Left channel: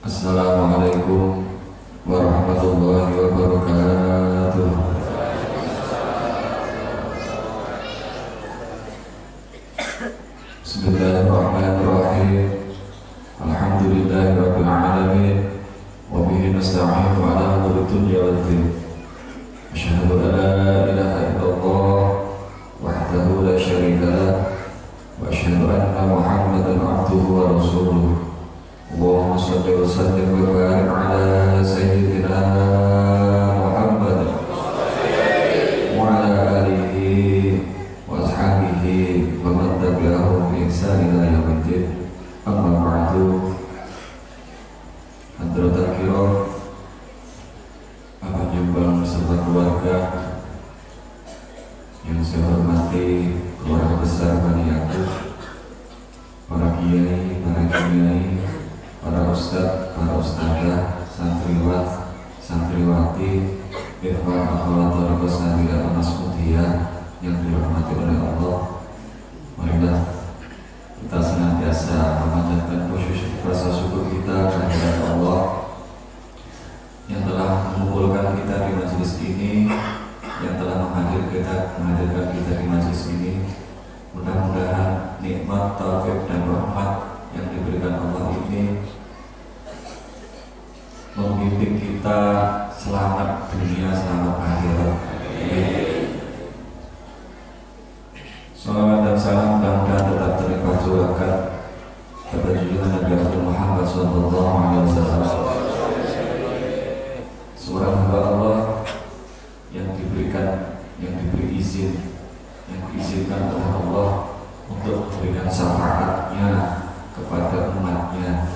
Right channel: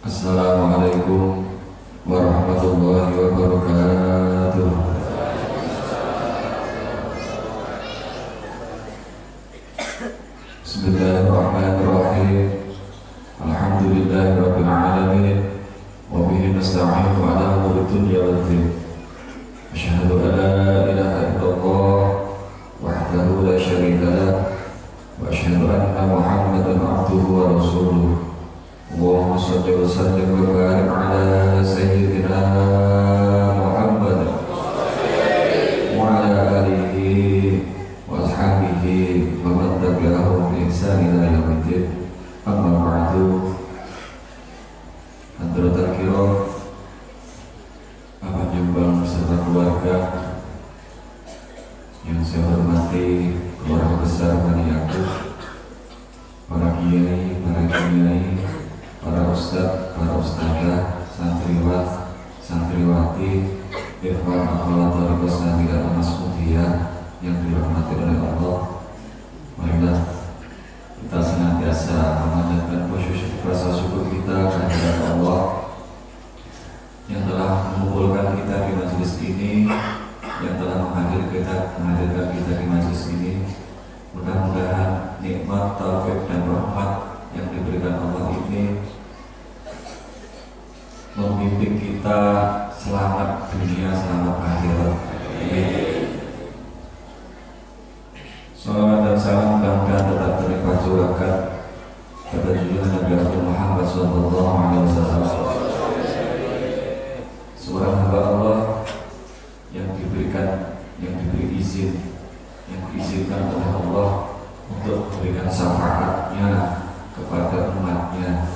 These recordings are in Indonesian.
Assalamualaikum warahmatullahi wabarakatuh. Bismillahirrahmanirrahim. Alhamdulillahirabbil alamin wa bihi nasta'inu ala umuri dunya waddin. Asyhadu an la ilaha illallah wahdahu la syarika lah wa asyhadu anna Muhammadan abduhu wa rasuluh. Allahumma shalli wa sallim wa barik ala sayyidina Muhammad wa ala alihi wa ashabihi wa man tabi'ahum bi ihsan ila yaumiddin. Amma ba'du. Hadratul kiram, Bapak Jumbang beserta keluarga yang saya hormati, keluarga besar Bani Yaqub, para kiai, para ustadz, para ustadzah, santriwat, santriwati, ikhwan akhwat tariqah sanawiyah al-mas'udiyah yang dirahmati oleh Allah. Marilah kita senantiasa memanjatkan rasa syukur kita kehadirat Allah yang telah mengumpulkan kita di majelis ini, yang telah menghadirkan kita di majelis ini. Mudah-mudahan nikmat, taufik dan rahmat yang diberikan Allah ini membimbing kita selamat dunia, selamat akhirat. Salawat dan salam mudah-mudahan tetap tercurahkan kepada junjungan Nabi Muhammad SAW, seorang hamba Allah yang diberi izin, yang diizinkan oleh Allah untuk memberikan syafaatnya kepada umatnya.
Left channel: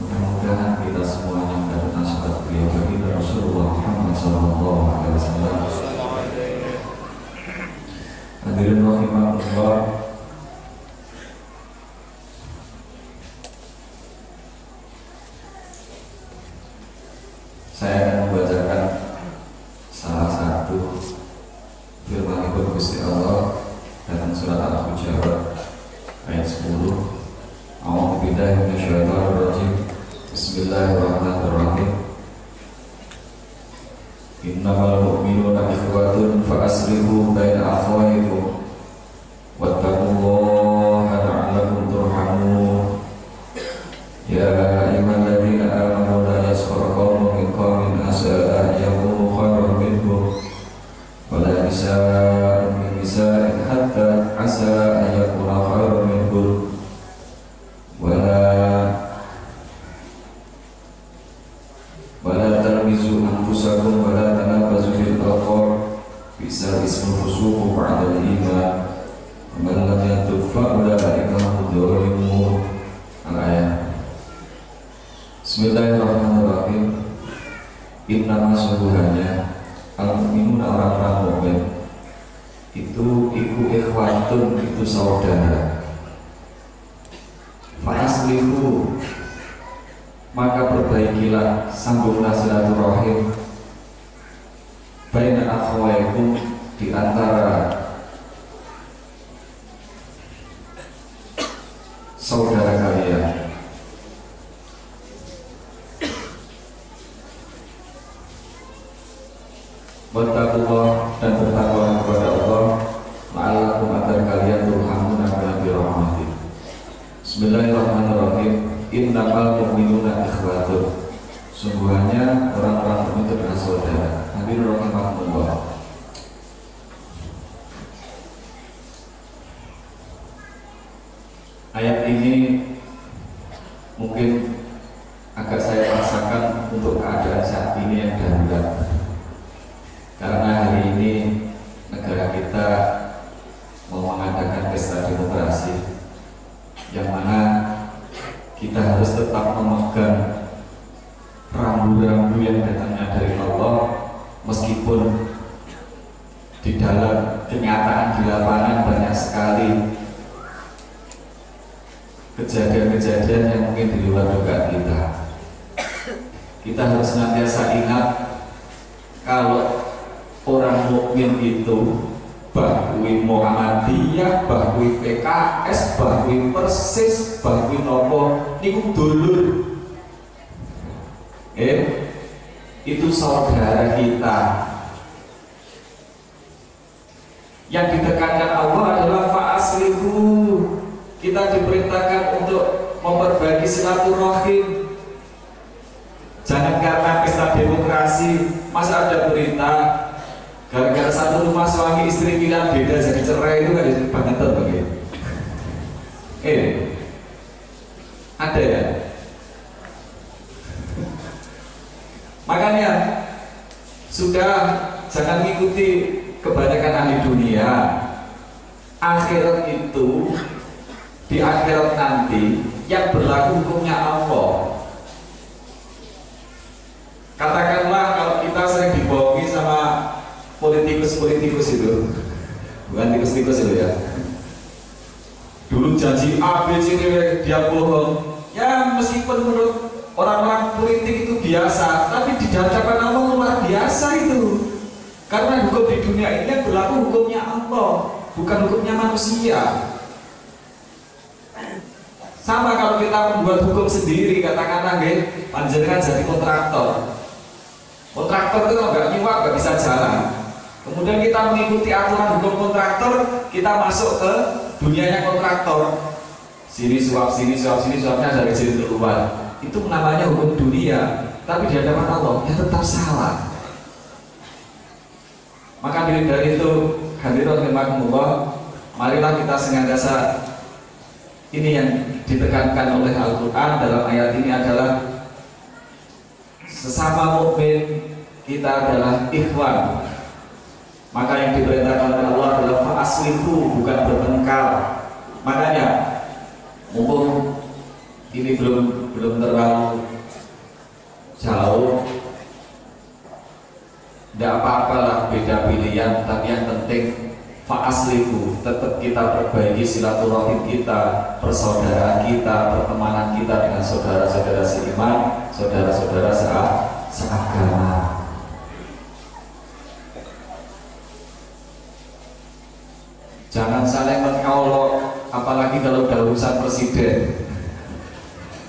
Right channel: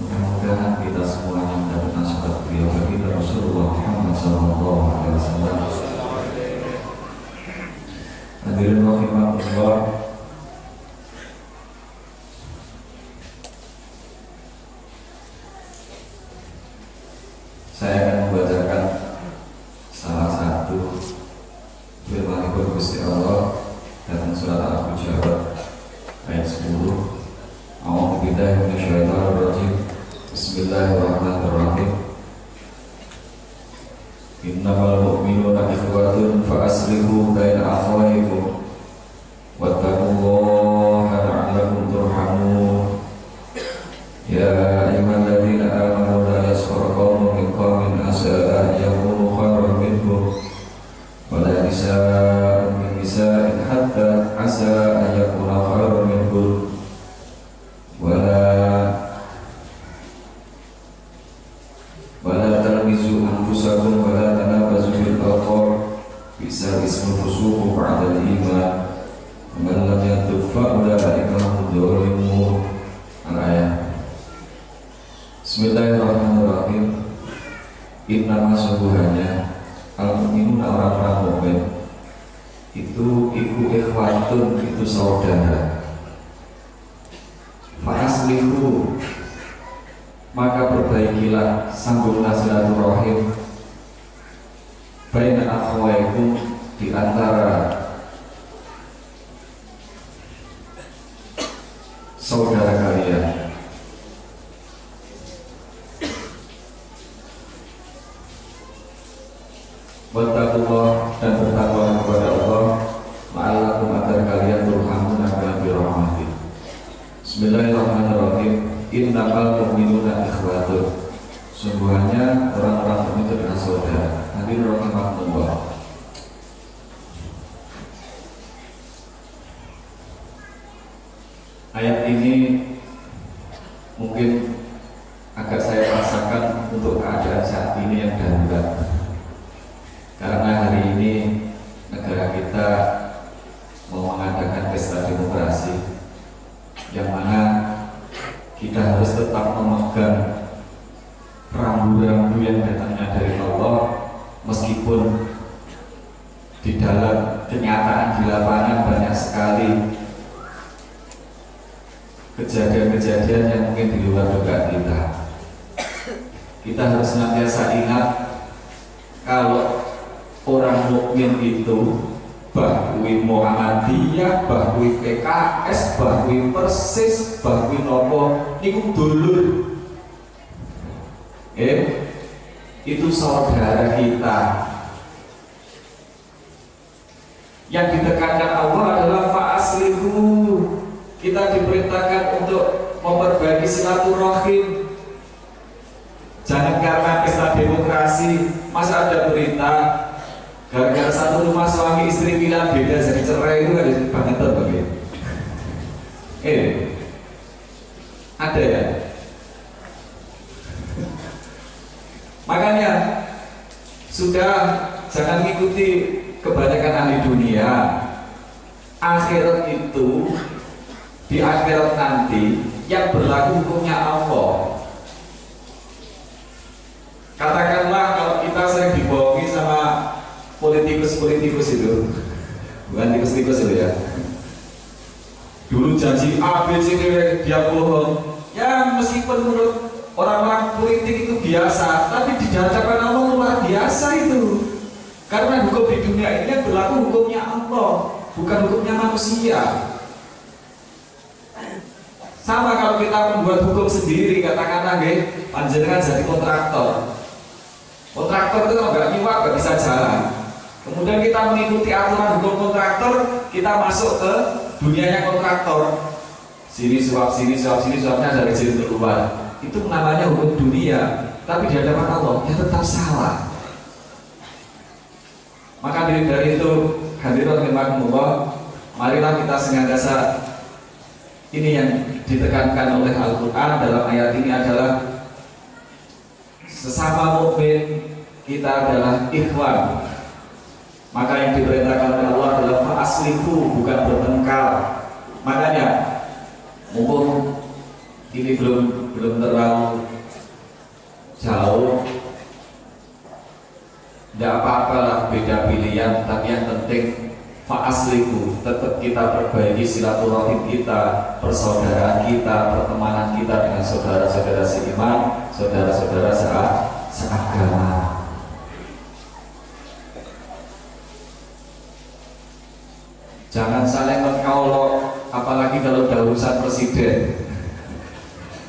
Mudah-mudahan kita semuanya mendapatkan syafaat beliau baginda Rasulullah Muhammad SAW. Hadirin rahimahullah, saya akan membacakan salah satu firman Gusti Allah dalam surat Al-Hujurat ayat 10. A'udzu billahi minasyaitonir rajim. Bismillahirrahmanirrahim. Innamal mu'minuna ikhwatun fa aslihu baina akhawaykum wattaqullaha la'allakum turhamun. Ya ayyuhalladzina amanu la yaskhar qaumun min qaumin asa an yakunu khairan minhum wa la nisa'un min nisa'in hatta asa an yakuna khairan minhum wala talmizu anfusakum wala tanabazu bil alqab bisa ismul fusuq ba'da al-iman man lam yatub fa ulaika hum dzalimun. Al-ayat. Bismillahirrahmanirrahim. Innama sungguhnya al-mu'minuna orang-orang mukmin itu ikhwatun, itu saudara. Fa aslihu, maka perbaikilah, sambunglah silaturahim, baina akhwaikum, di antara saudara kalian. Wattaqullah, dan bertakwa kepada Allah, la'allakum, agar kalian turhamun, akan dirahmati. Bismillahirrahmanirrahim. Innamal mu'minuna ikhwatun, sungguhnya orang-orang mukmin itu adalah saudara. Hadirin rahimahullah, ayat ini mungkin agak saya rasakan untuk keadaan saat ini yang darurat, karena hari ini negara kita mau mengadakan pesta demokrasi, yang mana kita harus tetap memegang rambu-rambu yang datangnya dari Allah, meskipun di dalam kenyataan di lapangan banyak sekali kejadian-kejadian yang mungkin di luar dugaan kita. Kita harus senantiasa ingat kalau orang mukmin itu bahwi Muhammadiyah, bahwi PKS, bahwi Persis, bahwi nopo niku dulur. Itu saudara kita. Yang ditekankan Allah adalah fa'aslihu. Kita diperintahkan untuk memperbaiki silaturahim. Jangan karena pesta demokrasi, masa ada berita gara-gara satu rumah suami istri bilang beda jadi cerai, itu ada banget bagi. Ada ya. Makanya sudah jangan mengikuti kebanyakan ahli dunia. Akhirat itu, di akhirat nanti yang berlaku hukumnya Allah. Katakanlah kalau kita sering dibohongi sama politikus-politikus itu, bukan tikus-tikus itu ya. Dulu janji A, B, C, D, dia bohong. Ya meskipun menurut orang-orang politik itu biasa, tapi di hadapan Allah luar biasa itu. Karena hukum di dunia ini berlaku hukumnya Allah, bukan hukumnya manusia. Sama kalau kita membuat hukum sendiri, katakanlah panjenengan jadi kontraktor. Kontraktor itu kalau nggak nyiwak nggak bisa jalan. Kemudian kita mengikuti aturan hukum kontraktor, kita masuk ke dunianya kontraktor. Sini suap, suapnya dari sini keluar. Itu namanya hukum dunia. Tapi di hadapan Allah ya tetap salah. Maka dari itu hadirin rahimakumullah, marilah kita senantiasa, ini yang ditekankan oleh Al-Quran dalam ayat ini adalah sesama mukmin kita adalah ikhwan. Maka yang diperintahkan oleh Allah adalah fa'aslihu, bukan bertengkar. Makanya mumpung ini belum terlalu jauh, tidak apa-apalah beda pilihan, tapi yang penting fa'aslihu, tetap kita perbaiki silaturahim kita, persaudaraan kita, pertemanan kita dengan saudara-saudara seiman, saudara-saudara seagama. Jangan saling mengolok, apalagi kalau udah urusan presiden.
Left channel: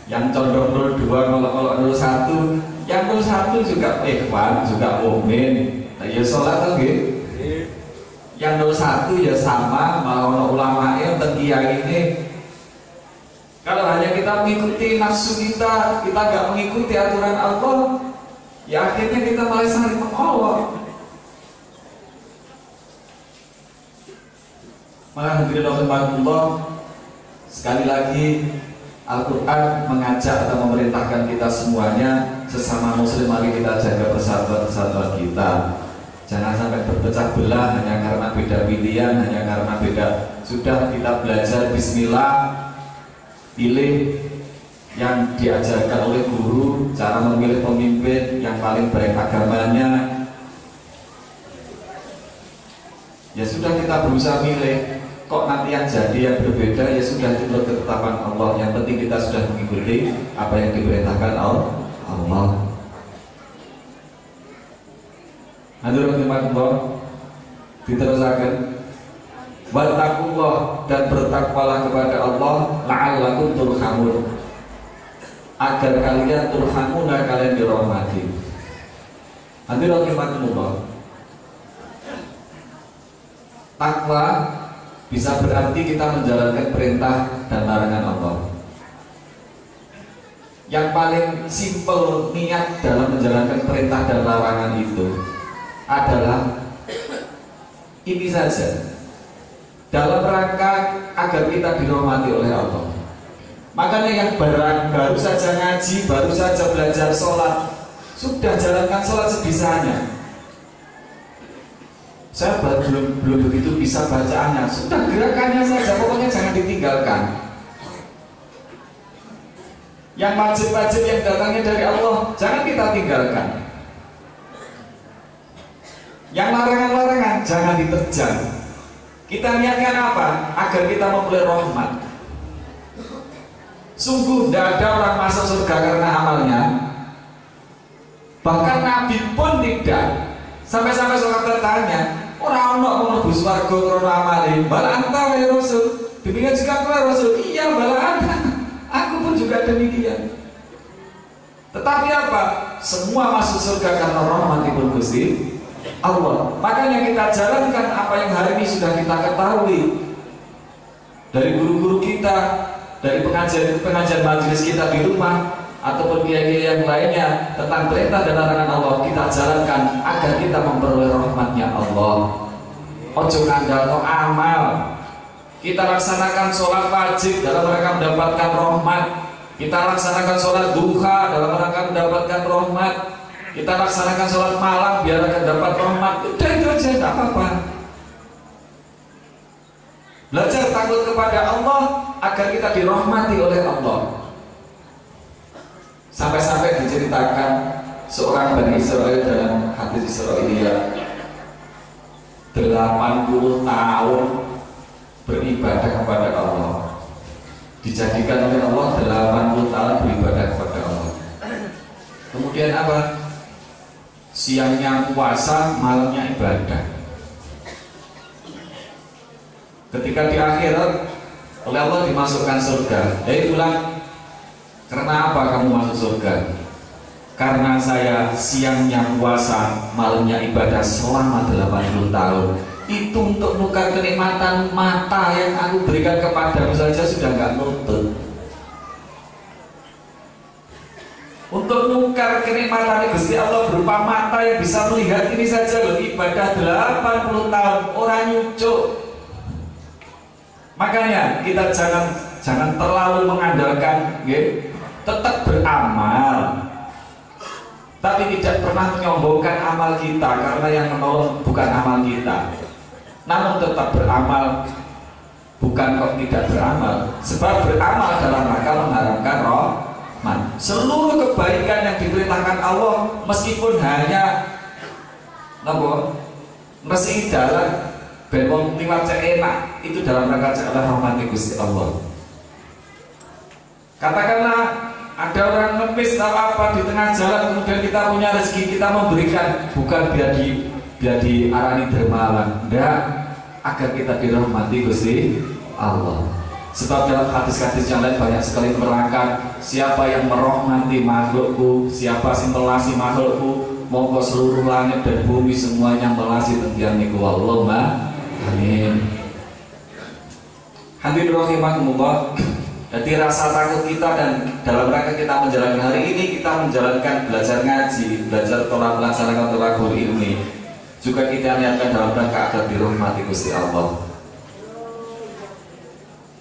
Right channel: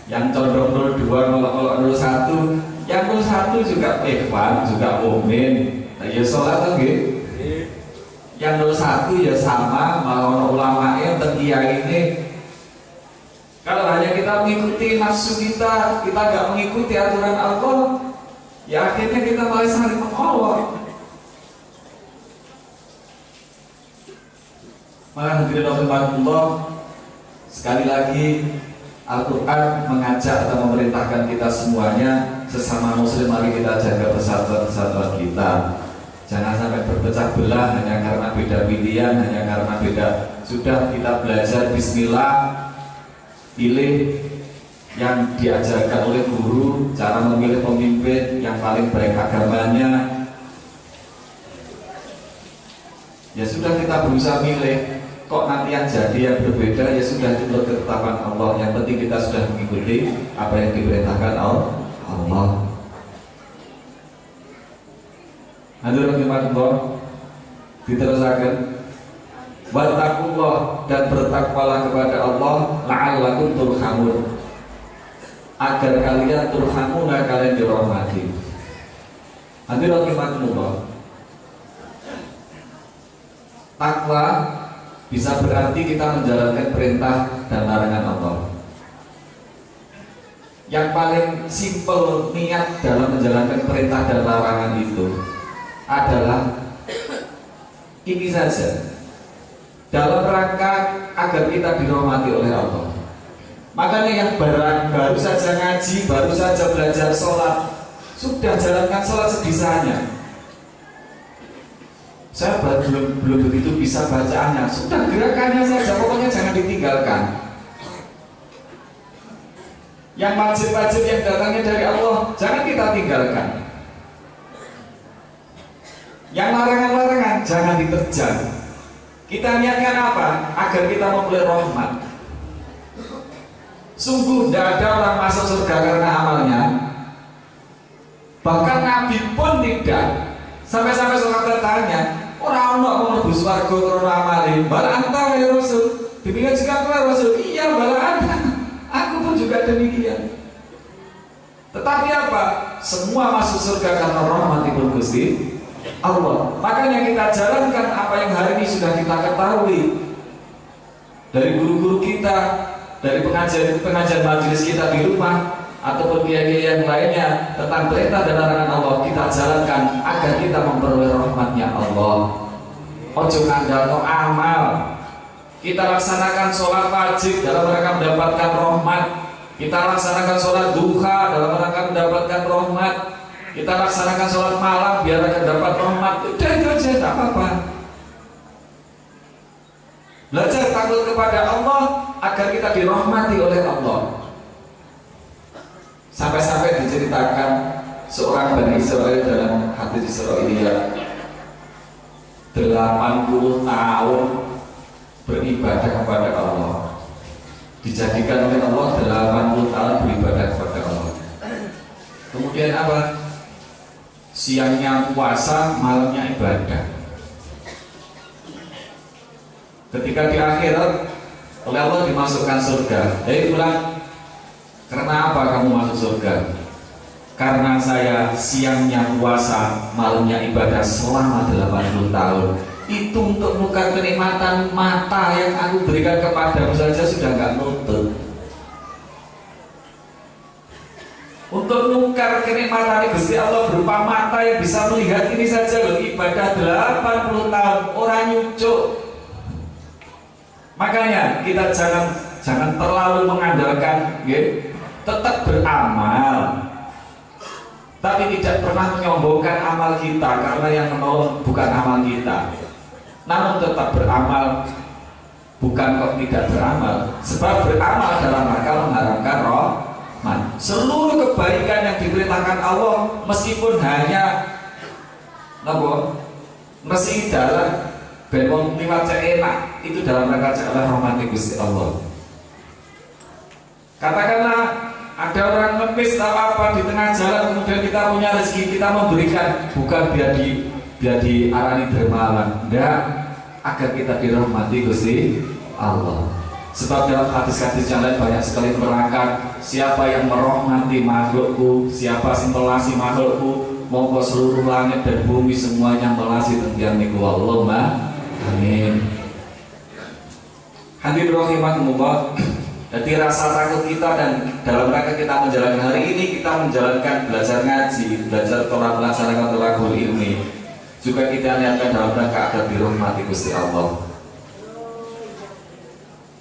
Yang condong 02 ngolok-ngolok 01, yang 01 juga ikhwan, juga mukmin. Nah, ya sholat tuh gitu. Yang 01 ya sama, malah ulama yang kiai ini. Kalau hanya kita mengikuti nafsu kita nggak mengikuti aturan Allah, ya akhirnya kita malah saling mengolok. Maka hadirin rahimakumullah, sekali lagi Al-Quran mengajak atau memerintahkan kita semuanya, sesama muslim mari kita jaga persatuan kita. Jangan sampai berpecah belah hanya karena beda pilihan, hanya karena beda. Sudah kita belajar bismillah, pilih yang diajarkan oleh guru, cara memilih pemimpin yang paling baik agamanya. Ya sudah, kita berusaha milih. Kok nanti yang jadi yang berbeda, ya sudah, itu ketetapan Allah. Yang penting kita sudah mengikuti apa yang diperintahkan Allah. Hadirin rahimakumullah, diterusakan. Wattaqullah, dan bertakwalah kepada Allah, la'allakum turhamun, agar kalian turhamuna, kalian dirahmati. Hadirin rahimakumullah, takwa bisa berarti kita menjalankan perintah dan larangan Allah. Yang paling simpel niat dalam menjalankan perintah dan larangan itu adalah ini saja, dalam rangka agar kita dirahmati oleh Allah. Makanya yang baru saja ngaji, baru saja belajar sholat, sudah jalankan sholat sebisanya. Saya belum begitu bisa bacaannya, sudah gerakannya saja, pokoknya jangan ditinggalkan. Yang wajib-wajib yang datangnya dari Allah jangan kita tinggalkan. Yang larangan-larangan jangan diterjang. Kita niatkan apa? Agar kita memperoleh rahmat. Sungguh tidak ada orang masuk surga karena amalnya. Bahkan Nabi pun tidak. Sampai-sampai seorang bertanya, orang mau mlebu swarga karena amale. Bala anta ya Rasul. Demikian juga Rasul. Iya, bala anta. Aku pun juga demikian. Tetapi apa? Semua masuk surga karena rahmatipun Gusti Allah. Makanya kita jalankan apa yang hari ini sudah kita ketahui dari guru-guru kita, dari pengajian majelis kita di rumah, ataupun kiai-kiai yang lainnya tentang perintah dan larangan Allah, kita jalankan agar kita memperoleh rahmatnya Allah. Ojo ngandalno amal. Kita laksanakan sholat wajib dalam rangka mendapatkan rahmat. Kita laksanakan sholat duha dalam rangka mendapatkan rahmat. Kita laksanakan sholat malam biar akan dapat rahmat. Udah itu aja, tidak apa-apa. Belajar takut kepada Allah agar kita dirahmati oleh Allah. Sampai-sampai diceritakan seorang Bani Israel dalam hadis Israiliyah 80 tahun beribadah kepada Allah, dijadikan oleh Allah 80 tahun beribadah kepada Allah. Kemudian apa? Siangnya puasa, malamnya ibadah. Ketika di akhirat oleh Allah dimasukkan surga. Hei pulang, karena apa kamu masuk surga? Karena saya siangnya puasa, malamnya ibadah selama 80 tahun. Itu untuk menukar kenikmatan mata yang aku berikan kepadamu saja sudah nggak nutut. Untuk menukar kenikmatan Gusti Allah berupa mata yang bisa melihat ini saja loh, ibadah 80 tahun orang nyucuk. Makanya kita jangan terlalu mengandalkan, tetap beramal, tapi tidak pernah menyombongkan amal kita, karena yang menolong bukan amal kita. Namun tetap beramal, bukan kok tidak beramal, sebab beramal dalam rangka mengharapkan rahmat. Seluruh kebaikan yang diperintahkan Allah, meskipun hanya mesti dalam benwong liwat enak, itu dalam rangka jalan rahmati Gusti Allah. Katakanlah ada orang ngemis atau apa di tengah jalan, kemudian kita punya rezeki, kita memberikan, bukan biar diarani dermawan, enggak, agar kita dirahmati Gusti Allah. Sebab dalam hadis-hadis yang lain banyak sekali menerangkan, siapa yang merahmati makhlukku, siapa yang melasi makhlukku, monggo seluruh langit dan bumi semuanya melasi tentian niku. Allahumma amin. Hadirin rahimakumullah. Jadi rasa takut kita dan dalam rangka kita menjalankan hari ini, kita menjalankan belajar ngaji, belajar Torah, melaksanakan thalaqul ilmi, juga kita niatkan dalam rangka agar dirahmati Gusti Allah.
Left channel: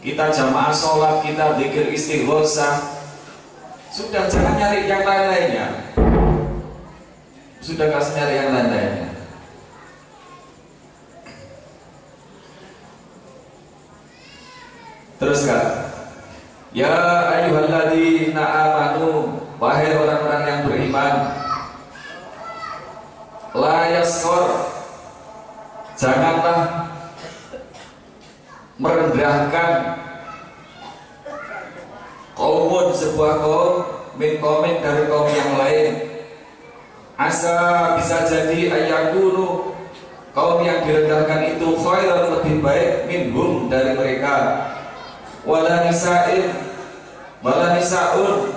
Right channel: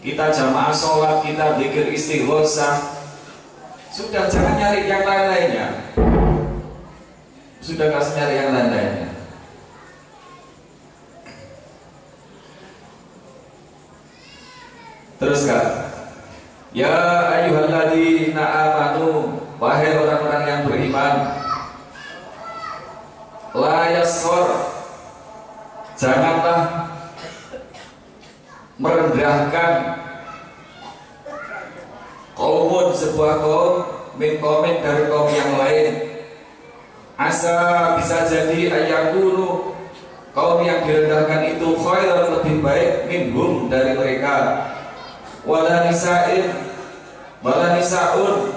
Kita jamaah sholat, kita zikir istighosah, sudah jangan nyari yang lain-lainnya. Sudah kasih nyari yang lain-lainnya. Terus Kak, ya ayyuhalladzina amanu, wahai orang-orang yang beriman, la yaskhor, janganlah merendahkan kaumun, sebuah kaum, min qaumin, dari kaum yang lain. Asa, bisa jadi ayakunu, kaum yang direndahkan itu khairan, lebih baik, minhum, dari mereka. Wala nisa'in, wala nisa'un,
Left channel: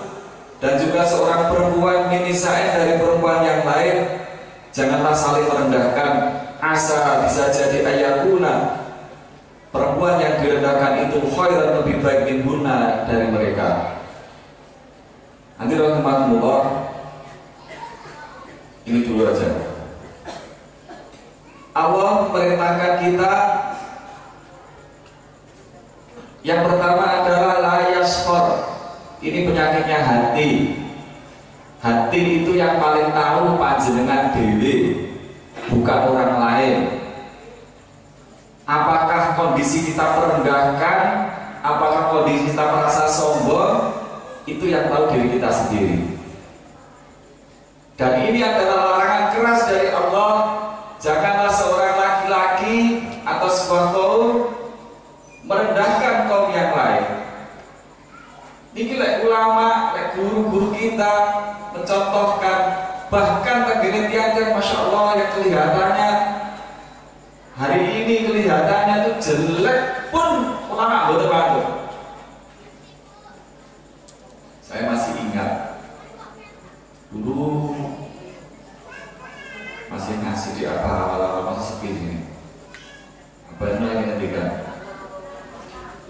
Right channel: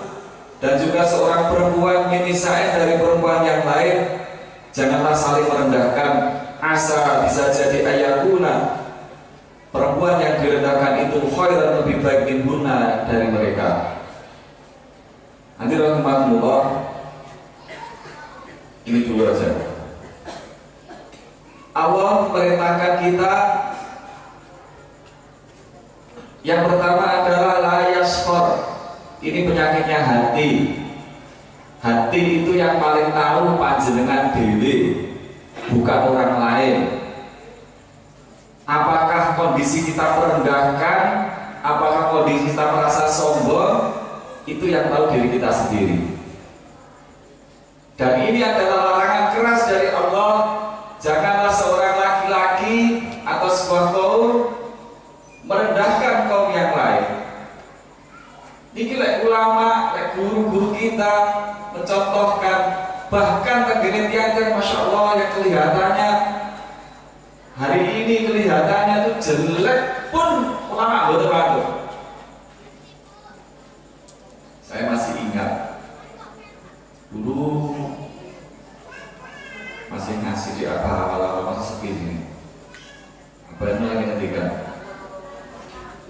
dan juga seorang perempuan min nisa'in, dari perempuan yang lain. Janganlah saling merendahkan. Asa, bisa jadi ayakuna, perempuan yang direndahkan itu khairan, lebih baik, minhunna, dari mereka. Nanti rahmatullah, ini dulu aja. Allah perintahkan kita, yang pertama adalah la yaskhor. Ini penyakitnya hati. Hati itu yang paling tahu panjenengan dewi, bukan orang lain. Apakah kondisi kita merendahkan, apakah kondisi kita merasa sombong, itu yang tahu diri kita sendiri. Dan ini adalah larangan keras dari Allah. Janganlah seorang laki-laki atau sebuah kaum merendahkan kaum yang lain. Niki lek ulama, lek guru-guru kita mencontohkan, bahkan tegene tiang-tiang masya Allah yang kelihatannya hari ini kelihatannya itu jelek pun ulama boten watu. Saya masih ingat Dulu masih ngasih di awal-awal masih sepi ini. Apa yang lagi ngendikan?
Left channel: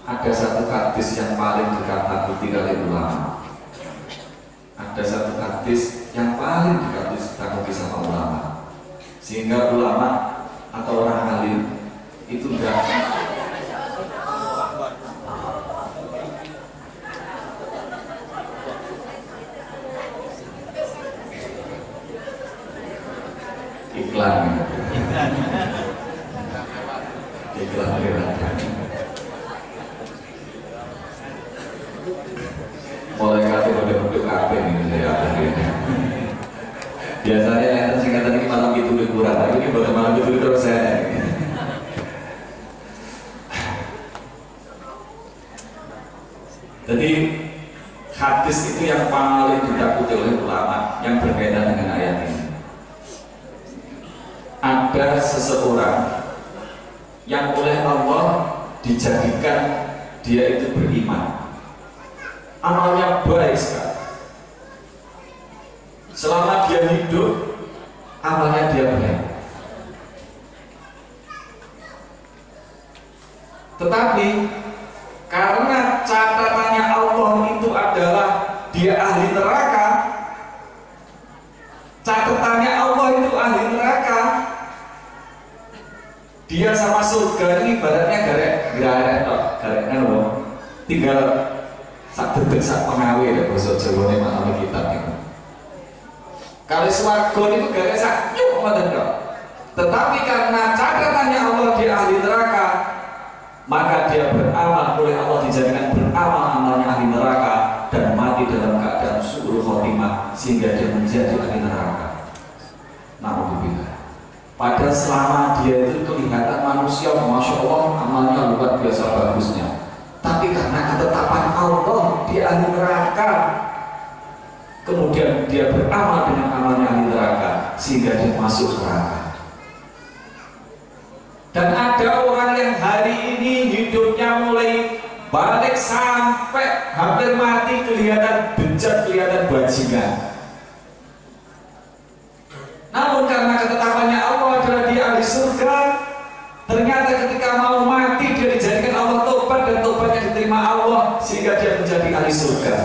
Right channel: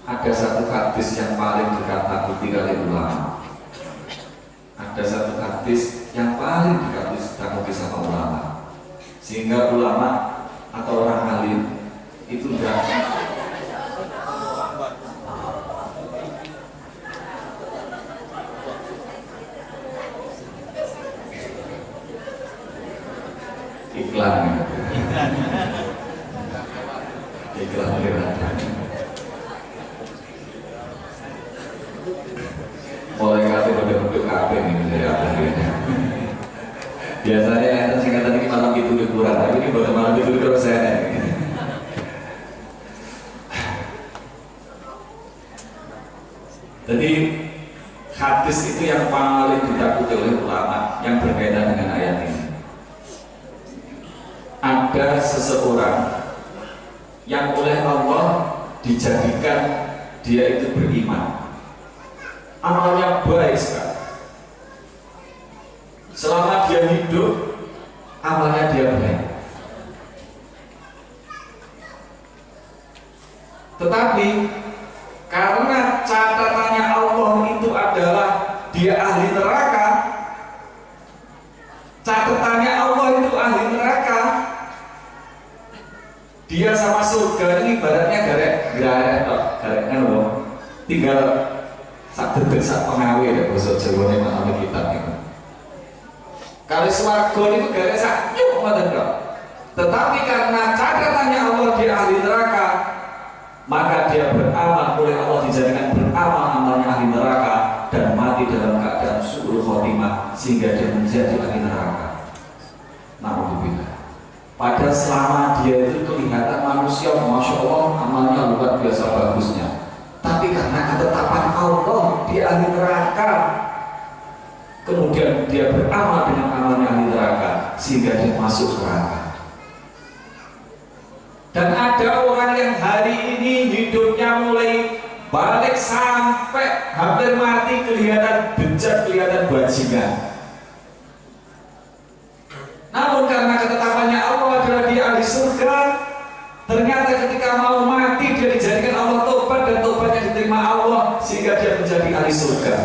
Ada satu hadis yang paling dikatakan kali ulama. Ada satu hadis yang paling dikatakan sama ulama. Sehingga ulama atau orang alim itu enggak iklan mulai kata udah kafe nih saya akhirnya. Biasanya yang singkatan ini malam itu lebih kurang, tapi ini baru malam itu terus saya. Jadi hadis itu yang paling ditakuti oleh ulama yang berbeda dengan ayat ini. Ada seseorang yang oleh Allah dijadikan dia itu beriman, amalnya baik sekali. Selama dia hidup, amalnya dia baik. Tetapi karena catatannya Allah itu adalah dia ahli neraka, catatannya Allah itu ahli neraka, dia sama surga ini ibaratnya garek tinggal sak detik sak pengawe ya bosok Jawa malam kitab itu. Kalau swarga itu garek sak nyuk ngoten kok. Tetapi karena catatannya Allah dia ahli neraka, maka dia beramal oleh Allah dijadikan beramal amalnya ahli neraka dan mati dalam keadaan su'ul khotimah sehingga dia menjadi ahli neraka. Naudzubillah. Padahal selama dia itu kelihatan manusia, masya Allah amalnya luar biasa bagusnya. Tapi karena ketetapan Allah dia ahli neraka, kemudian dia beramal dengan amalnya ahli neraka sehingga dia masuk neraka. Dan ada orang yang hari ini hidupnya mulai balik sampai hampir mati kelihatan bejat, kelihatan bajingan. Namun karena ketetapannya Allah adalah dia ahli surga, ternyata ketika mau mati dia dijadikan Allah tobat dan tobatnya diterima Allah sehingga dia menjadi ahli surga.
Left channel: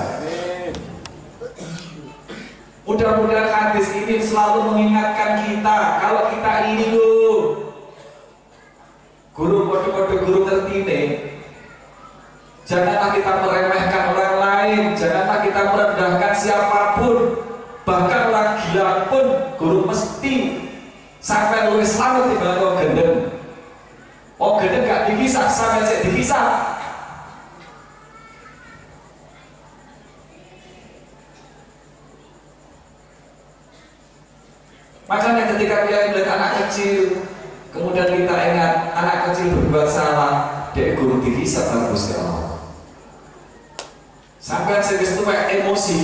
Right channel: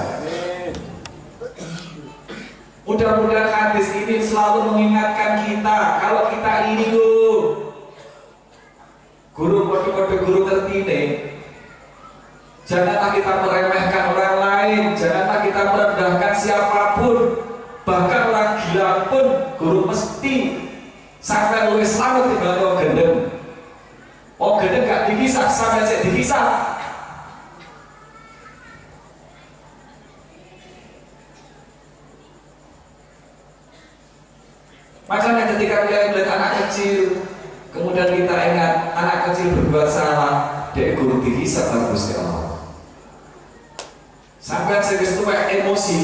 Mudah-mudahan hadis ini selalu mengingatkan kita kalau kita ini loh guru kode-kode guru tertine, janganlah kita meremehkan orang lain, janganlah kita merendahkan siapapun, bahkan orang gila pun guru mesti sampai luwih selamat timbang wong gendeng. Oh gendeng gak dikisah, sampai saya dikisah. Makanya ketika kita melihat anak kecil, kemudian kita ingat anak kecil berbuat salah, dia guru dihisab bagus ya Allah. Sampai saya itu emosi,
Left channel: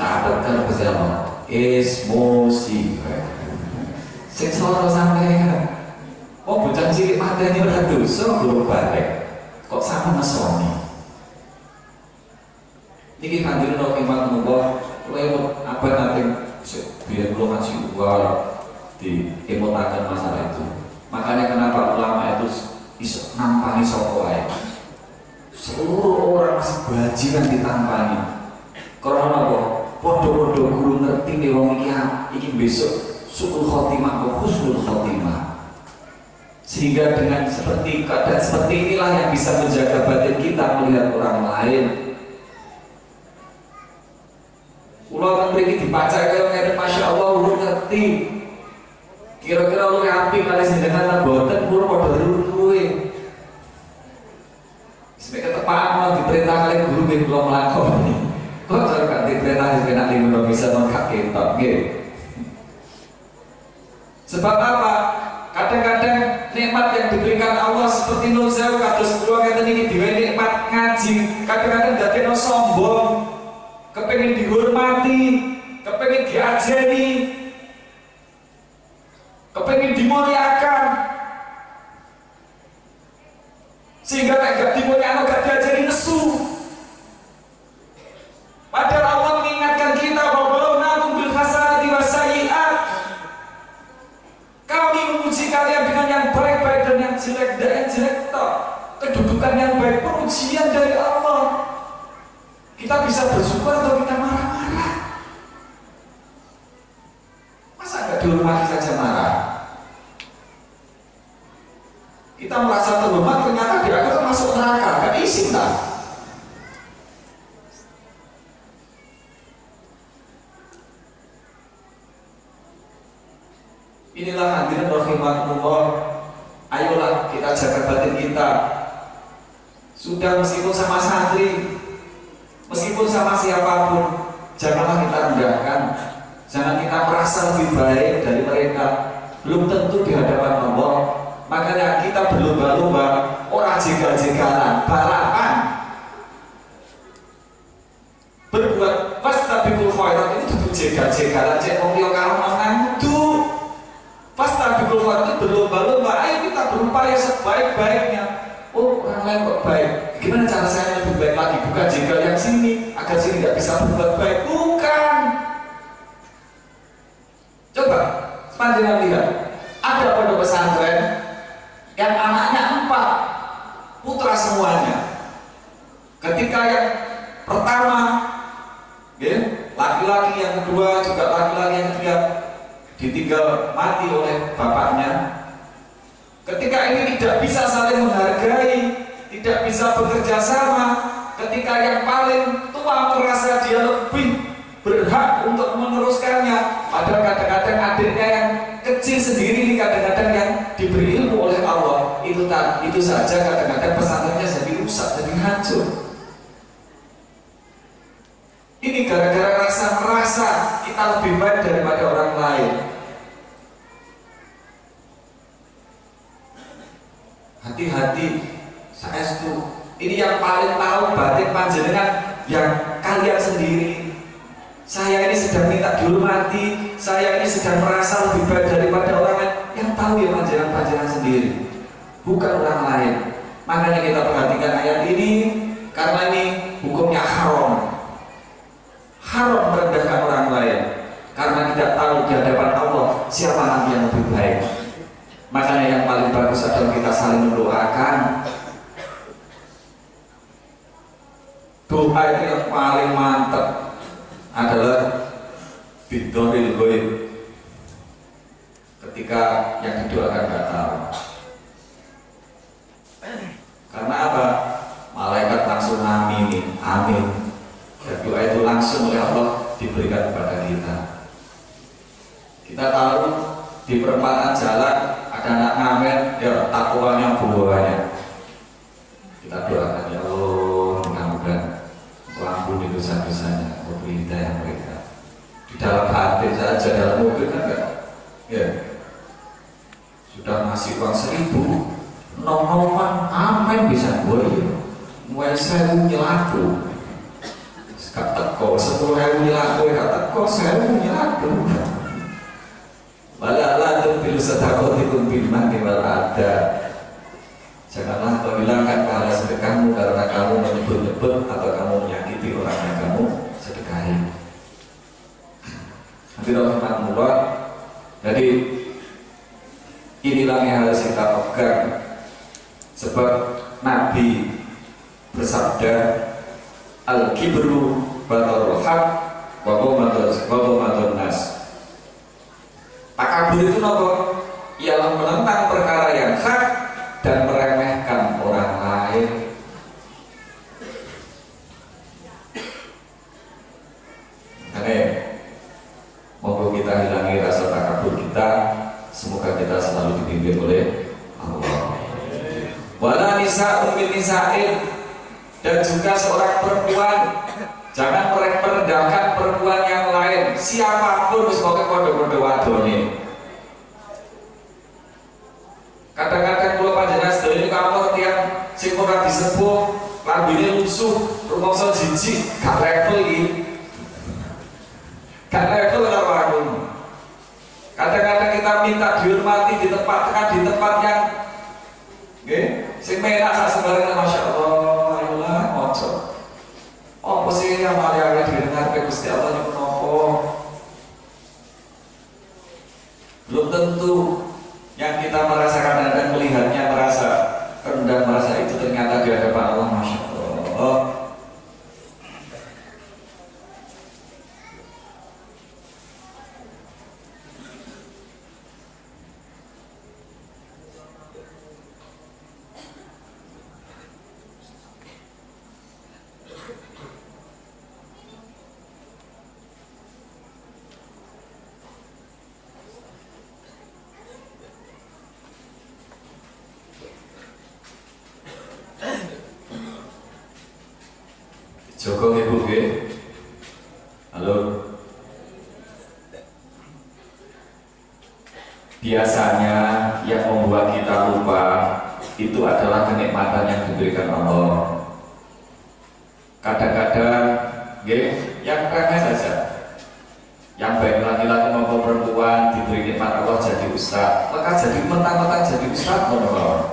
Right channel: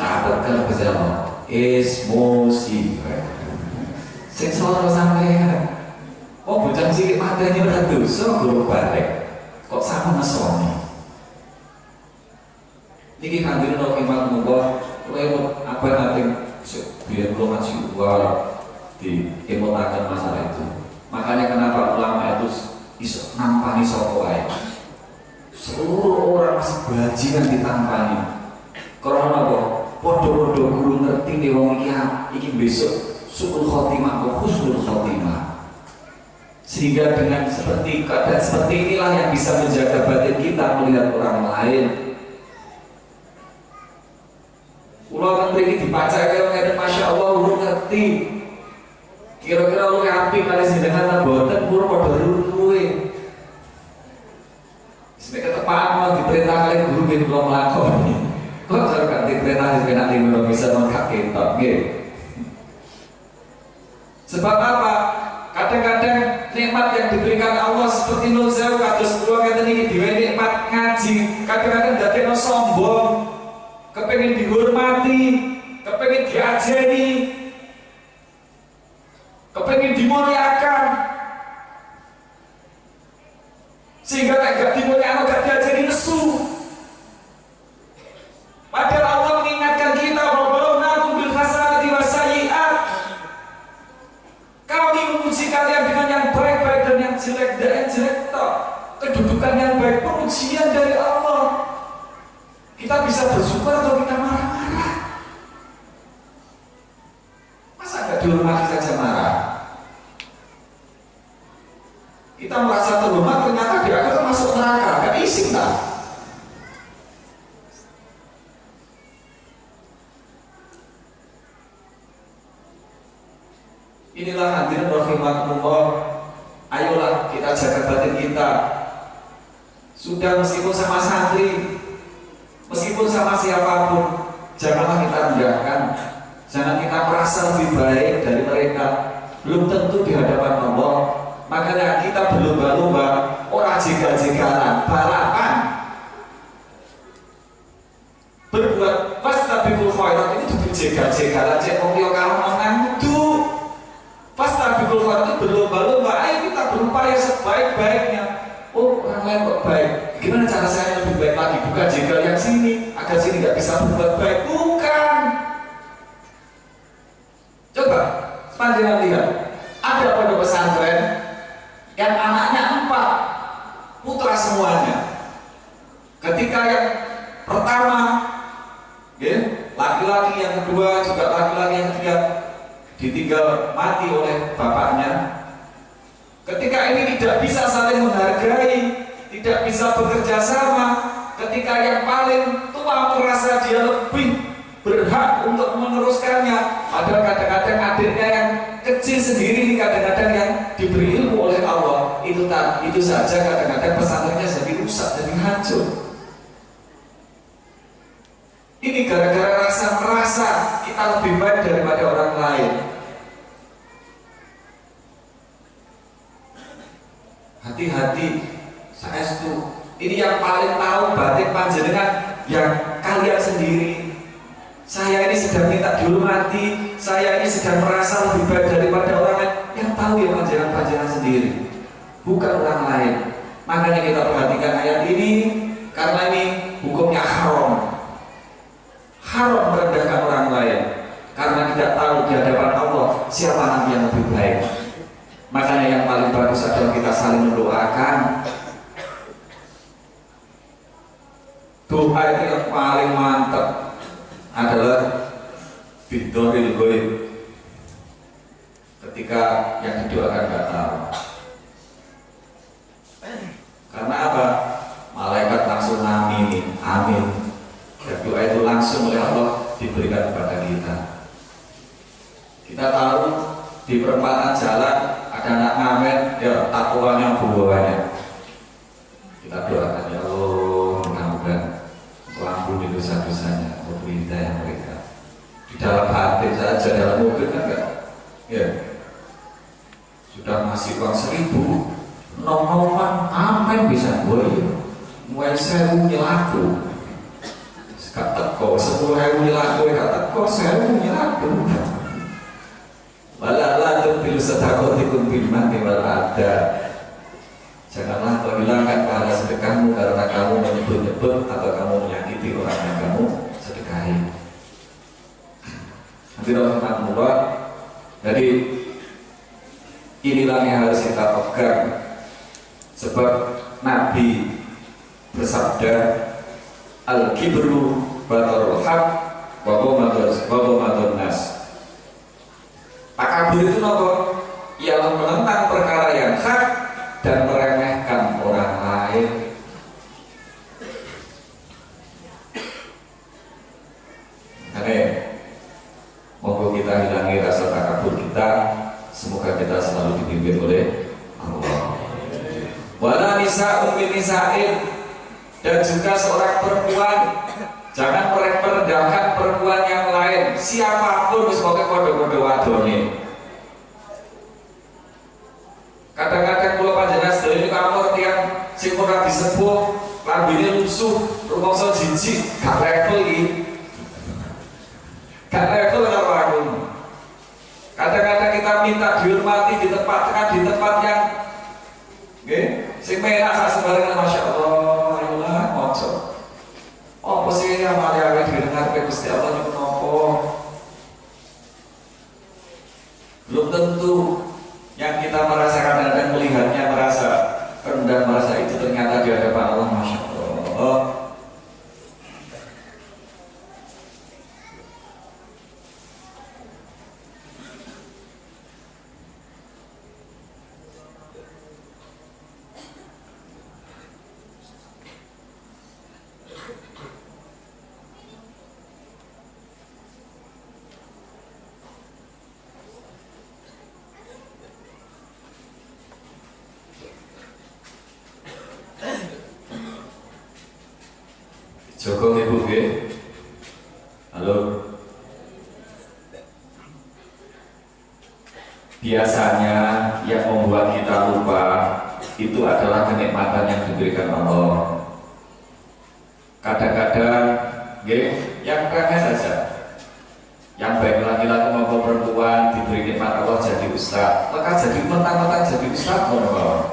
catat kan bersama emosi. Seksoro sampai oh bocah cilik matanya udah dosa guru balik, kok sama ngesoni. Niki kanjeng Nabi Muhammad lewat apa nanti biar belum ngasih uang di emotakan masalah itu. Makanya kenapa ulama itu iso nampani sapa wae. Seluruh orang masih bajingan ditampani. Karena apa? Podo-podo guru ngerti nih wong iki besok su'ul khotimah atau husnul khotimah. Sehingga dengan seperti keadaan seperti inilah yang bisa menjaga batin kita melihat orang lain. Ulang mriki dibaca kaya ngene masya Allah urung ngerti. Kira-kira lu api kali jenengan boten pura padha luwe. Sampai ketepaan mau diperintah kali guru nggih kula nglakoni. Kok cara gak diperintah sepenak limo bisa mengkak ketok nggih. Sebab apa? Kadang-kadang nikmat yang diberikan Allah seperti Nur Sewu kados kula ngeten iki dhewe nikmat ngaji, kadang-kadang dadekno sombong. Kepengen dihormati, kepengen diajeni, kepengen dimuliakan, sehingga gak dimuliakan, gak diajeni nesu. Padahal Allah mengingatkan kita bahwa nakum bersyukur atau kita marah-marah? Masa nggak dihormati saja marah? Kita merasa terhormat, ternyata di akhir masuk neraka, gak isi tak? Inilah hadirin rahimakumullah. Ayolah kita jaga batin kita. Sudah meskipun sama santri, meskipun sama siapapun, janganlah kita rendahkan. Jangan kita merasa lebih baik dari mereka. Belum tentu di hadapan Allah. Makanya kita berlomba-lomba, orang jegal-jegalan, balapan, berbuat fastabiqul khairat. Ini tuh jegal-jegalan, cek wong liya karo mangan itu. Fastabiqul khairat itu berlomba-lomba. Ayo kita berupaya sebaik-baiknya. Oh, orang lain kok baik, gimana cara saya lebih baik lagi? Bukan jegal yang sini agar sini nggak bisa berbuat baik. Bukan. Coba panjenengan lihat, ada pondok pesantren yang anaknya 4 putra semuanya. Ketika yang pertama laki-laki, yang kedua juga laki-laki, yang ketiga ditinggal mati oleh bapaknya. Ketika ini tidak bisa saling menghargai, tidak bisa bekerja sama, ketika yang paling tua merasa dia lebih berhak untuk meneruskannya, padahal kadang-kadang adiknya yang kecil sendiri ini kadang-kadang yang diberi ilmu oleh Allah, itu saja kadang-kadang pesantrennya jadi rusak, jadi hancur. Ini gara-gara rasa merasa kita lebih baik daripada orang lain. Hati-hati, saestu. Ini yang paling tahu batin panjenengan yang kalian sendiri. Saya ini sedang minta dihormati, saya ini sedang merasa lebih baik daripada orang lain. Yang tahu ya panjenengan sendiri, bukan orang lain. Makanya kita perhatikan ayat ini, karena ini hukumnya haram. Haram merendahkan orang lain, karena tidak tahu di hadapan Allah siapa nanti yang lebih baik. Makanya yang paling bagus adalah kita saling mendoakan. Doa itu yang paling mantap adalah bidoril goib, ketika yang didoakan nggak tahu. Karena apa? Malaikat langsung aminin, amin. Dan doa itu langsung oleh Allah diberikan kepada kita. Kita tahu di perempatan jalan ada anak ngamen, ya takwanya buahnya. Kita doakan, ya Allah, mudah-mudahan ampuni dosa-dosanya, beri hidayah mereka. Di dalam hati saja, dalam mobil kan enggak, ya sudah ngasih uang 1.000, nom-noman amen bisa boleh, mulai 1.000 nyelaku, gak teko 10.000 nyelaku, gak teko 1.000 nyelaku. Walalah tubil sedaqatikum bil manni wal adha. Janganlah kau hilangkan pahala sedekahmu karena kamu menyebut-nyebut atau kamu menyakiti orang yang kamu sedekahi. Hadirin rahmatullah. Jadi inilah yang harus kita pegang. Sebab Nabi bersabda, al-kibru batarul haq wa ghamadun nas. Takabur itu apa? Ialah menentang perkara yang hak dan meremehkan orang lain. Karena monggo kita hilangi rasa takabur kita. Semoga kita selalu dipimpin oleh Allah. Wala nisa'un min nisa'in, dan juga seorang perempuan jangan merendahkan perempuan yang lain, siapapun sebagai kode-kode wadone. Kadang-kadang kalau panjenengan sedaya ini kamu yang sing ora disepuh, lambene lusuh, rumangsa jijik, gak level iki. Gak level karo aku. Kadang-kadang kita minta dihormati, ditempatkan di tempat yang sing menak sak sembarangan, Masya Allah, ayolah moco. Apa sih yang mari-mari didengar ke Gusti Allah nyuwun apa? Belum tentu yang kita merasakan dan melihatnya merasa rendah, merasa itu ternyata di hadapan Allah, Masya Allah. Songko ibu nggih. Halo. Biasanya yang membuat kita lupa itu adalah kenikmatan yang diberikan Allah. Kadang-kadang yang remeh saja, yang baik laki-laki maupun perempuan diberi nikmat Allah jadi ustaz, maka jadi mentang-mentang jadi ustaz ngono.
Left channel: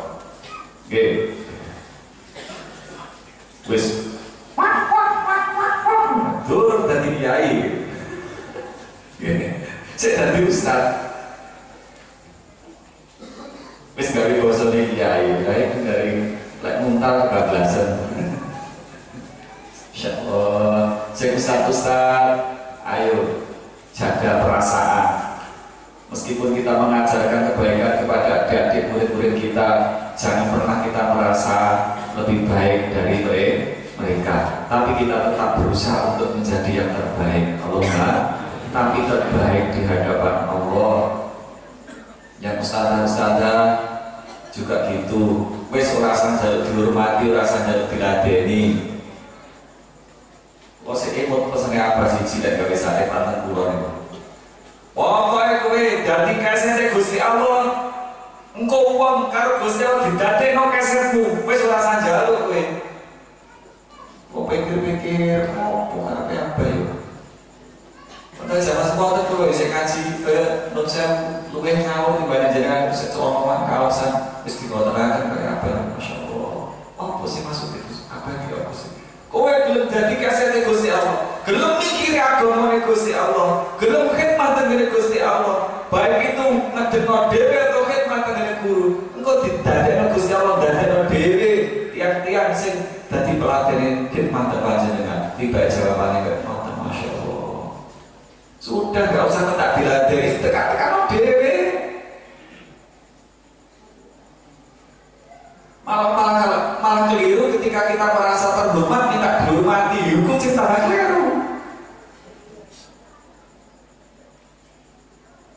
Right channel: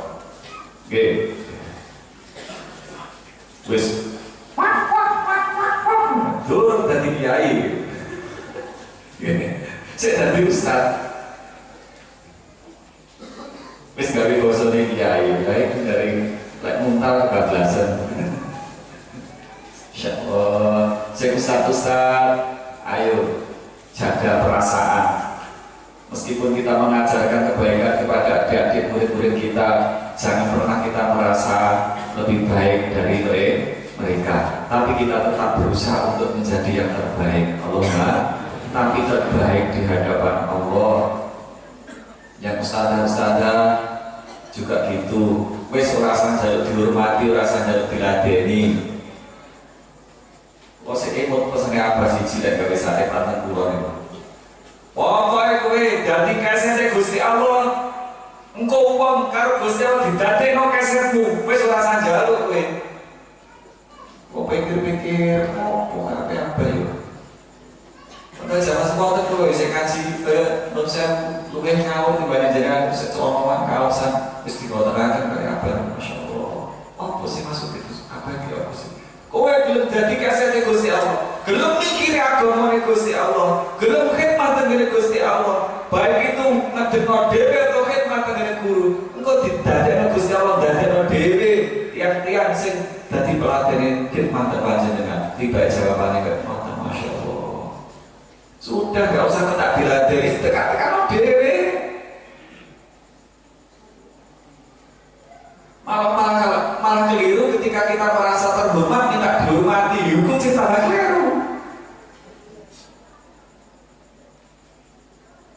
Wis dur dadi kiai. Saya dadi ustaz. Wis gawe bosone kiai, dari lek muntal kebablasan. Insyaallah, saya ustaz, ayo jaga perasaan. Meskipun kita mengajarkan kebaikan kepada adik-adik murid-murid kita, jangan pernah kita merasa lebih baik dari mereka. Tapi kita tetap berusaha untuk menjadi yang terbaik. Allahumma, tapi terbaik di hadapan Allah. Yang ustazah juga gitu. Wes ora jaluk dihormati, ora jaluk diladeni. Kok sik emot pesene apa siji lek gawe sate tanten kula niku. Pokoke kowe dadi kasete Gusti Allah. Engko wong karo Gusti Allah didadekno kasetmu, wis ora njaluk kowe. Kok pikir-pikir opo karepe apa yo. Padahal zaman sekolah itu bisa ngaji non saya luwih ngawur dibanding jenengan bisa celomongan kawasan wis dikotoraken kaya apa. Masya Allah. Apa sih maksud itu? Apa itu apa sih? Kowe gelem dadi kasete Gusti Allah, gelem mikiri agamane Gusti Allah, gelem khidmat dengan Gusti Allah, baik itu ngedekno dhewe atau khidmat dengan guru. Engko didadekno Gusti Allah dadekno dhewe tiang-tiang sing dadi pelatih khidmat panjenengan. Tiba jawabane kok ngoten, Masya Allah. Sudah gak usah tak diladeni, tekan-tekan dhewe. Malah keliru ketika kita merasa terhormat, minta dihormati, hukum kita keliru.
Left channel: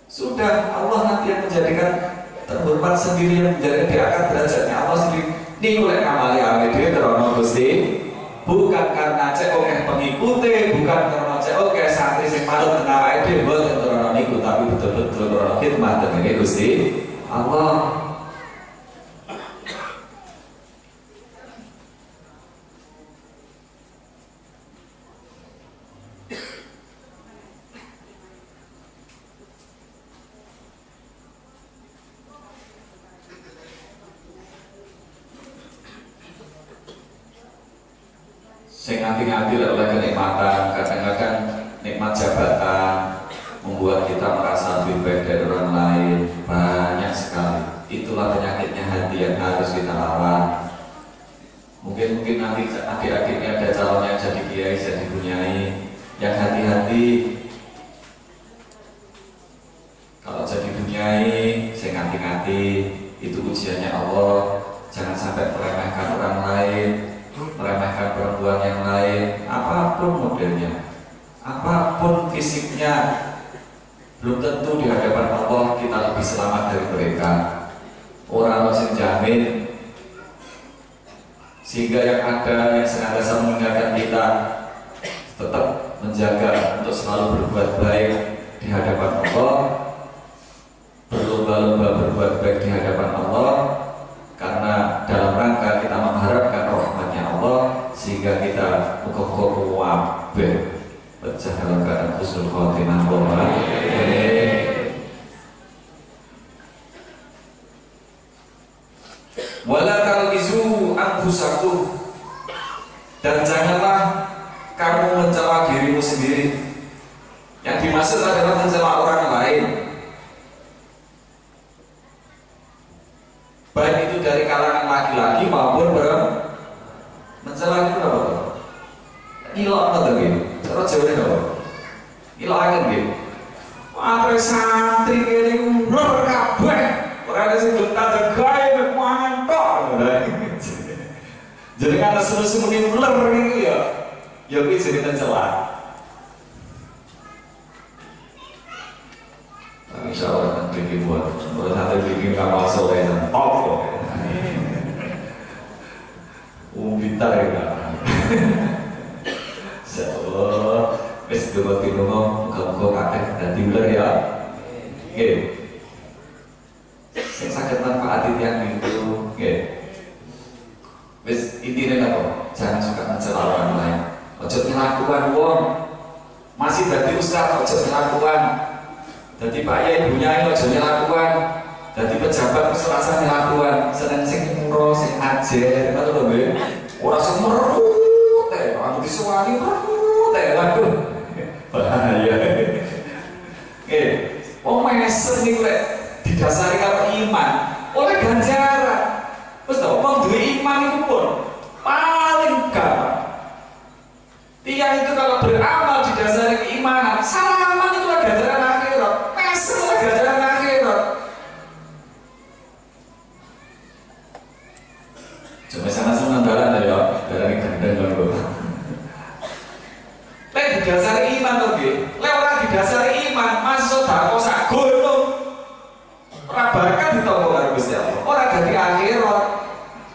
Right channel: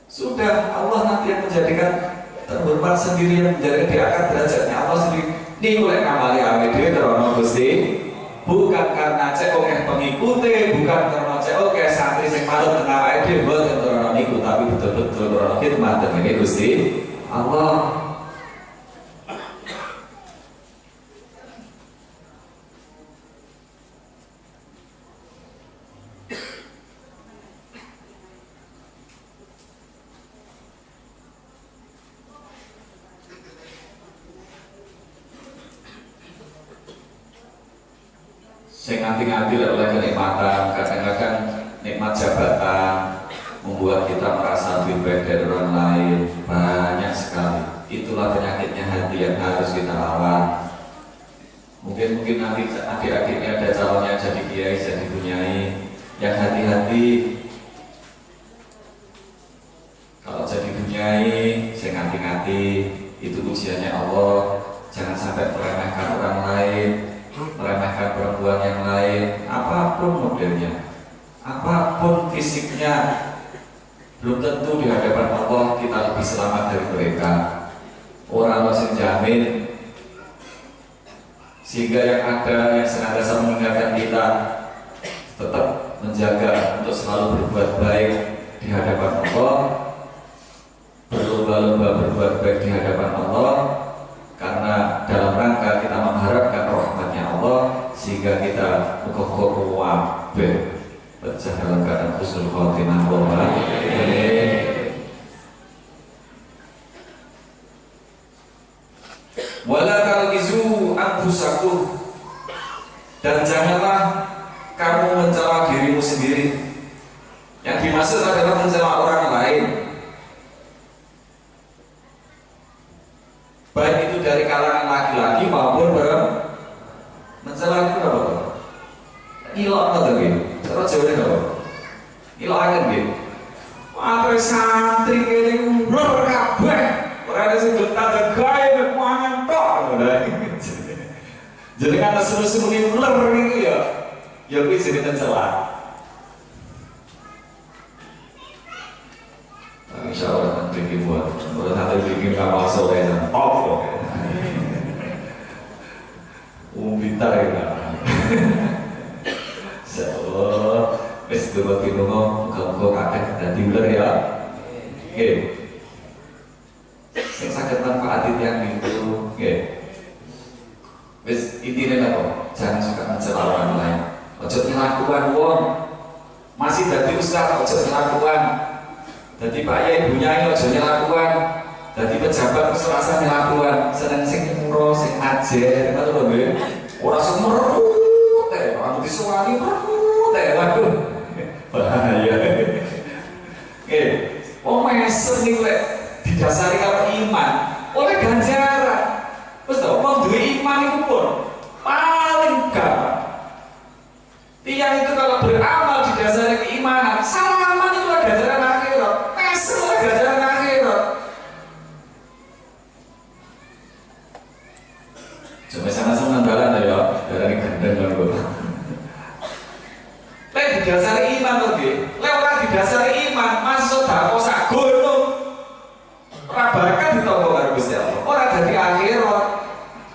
Sudah, Allah nanti yang menjadikan terhormat sendiri, yang menjadikan diangkat derajatnya Allah sendiri. Ini oleh ngamali amede terono Gusti, bukan karena cek oke pengikuti, bukan karena cek oke santri sing manut tengah ide buat terono niku, tapi betul-betul terono khidmat dengan Gusti Allah. Saya nganti-nganti oleh kenikmatan, kadang-kadang nikmat jabatan membuat kita merasa lebih baik dari orang lain, banyak sekali. Itulah penyakitnya hati yang harus kita lawan. Mungkin nanti adik-adiknya ada calonnya jadi kiai, jadi bunyai, yang hati-hati. Kalau jadi bunyai, saya nganti-nganti, itu ujiannya Allah. Jangan sampai meremehkan orang lain, meremehkan perempuan yang lain, apapun modelnya, apapun fisiknya, belum tentu di hadapan Allah kita lebih selamat dari mereka. Orang masih jamin, sehingga yang ada yang senantiasa mengingatkan kita tetap menjaga untuk selalu berbuat baik di hadapan Allah, berlomba-lomba berbuat baik di hadapan Allah. Karena dalam rangka kita mengharapkan rahmatnya Allah, sehingga kita muka-muka wabeh pecah dalam keadaan husnul khotimah. Wala talmizu anfusakum, dan janganlah kamu mencela dirimu sendiri. Yang dimaksud adalah mencela orang lain, baik itu dari kalangan laki-laki maupun perempuan. Mencela itu apa? Ilok apa tadi? Cara Jawa ini apa? Ilok akan gitu. Wah, santri ini ular kabeh. Orang ada sing betah tegay mangan tok. Jadi kan seluruh muni ular gitu ya. Ya kuwi jenenge mencela. Insyaallah nanti buat bikin kapal sore dan top kok. Pintar ya kan. sedulur pinungo muga-muga kakek dadi uler ya. Nggih. Sing saged manfaati tiyang niku nggih. Wis intine napa? Jangan suka mencela orang lain. Ojo ngelakuan wong. Masih dadi ustaz ojo ngelakuan. Dadi Pak Yai Bu Nyai ojo ngelakuan. Dadi pejabat wis ora usah ngelakuan. Seneng sing muro sing ajer ngono lho nggih. Ora sing merut anu disuwani merut waduh. Bahaya. Nggih. Wong meser niku lek didasari karo iman, oleh ganjaran. Wis to, wong duwe iman itu pun paling gampang. Tiang itu kalau beramal didasari keimanan, salaman itu lah ganjaran akhirat, meser lah ganjaran akhirat. Coba sana nandalan ya, dari gendeng lho. Lek didasari iman to nggih, lek ora didasari iman, masuk sedekah sak gunung. Ora bakal ditampa karo Gusti Allah. Ora dadi akhirat.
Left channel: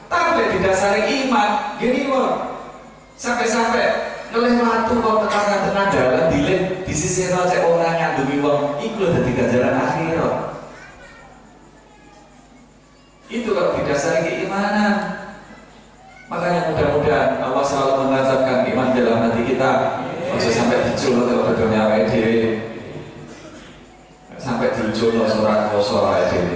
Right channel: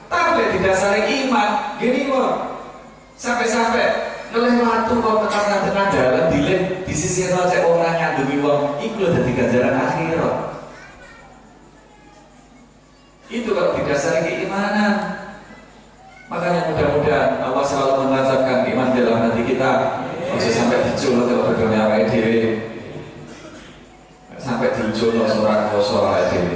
Tapi didasari iman, gini kok. Sampai-sampai ngelih watu kok tekan tengah dalan dilih di sisi cek orang ngandumi wong, iku lho dadi ganjaran akhirat. Itu kalau didasari keimanan. Makanya mudah-mudahan Allah selalu mengajarkan iman dalam hati kita. Ojo sampai diculuk kalau dunia awake dhewe. Sampai diculuk surat koso awake dhewe.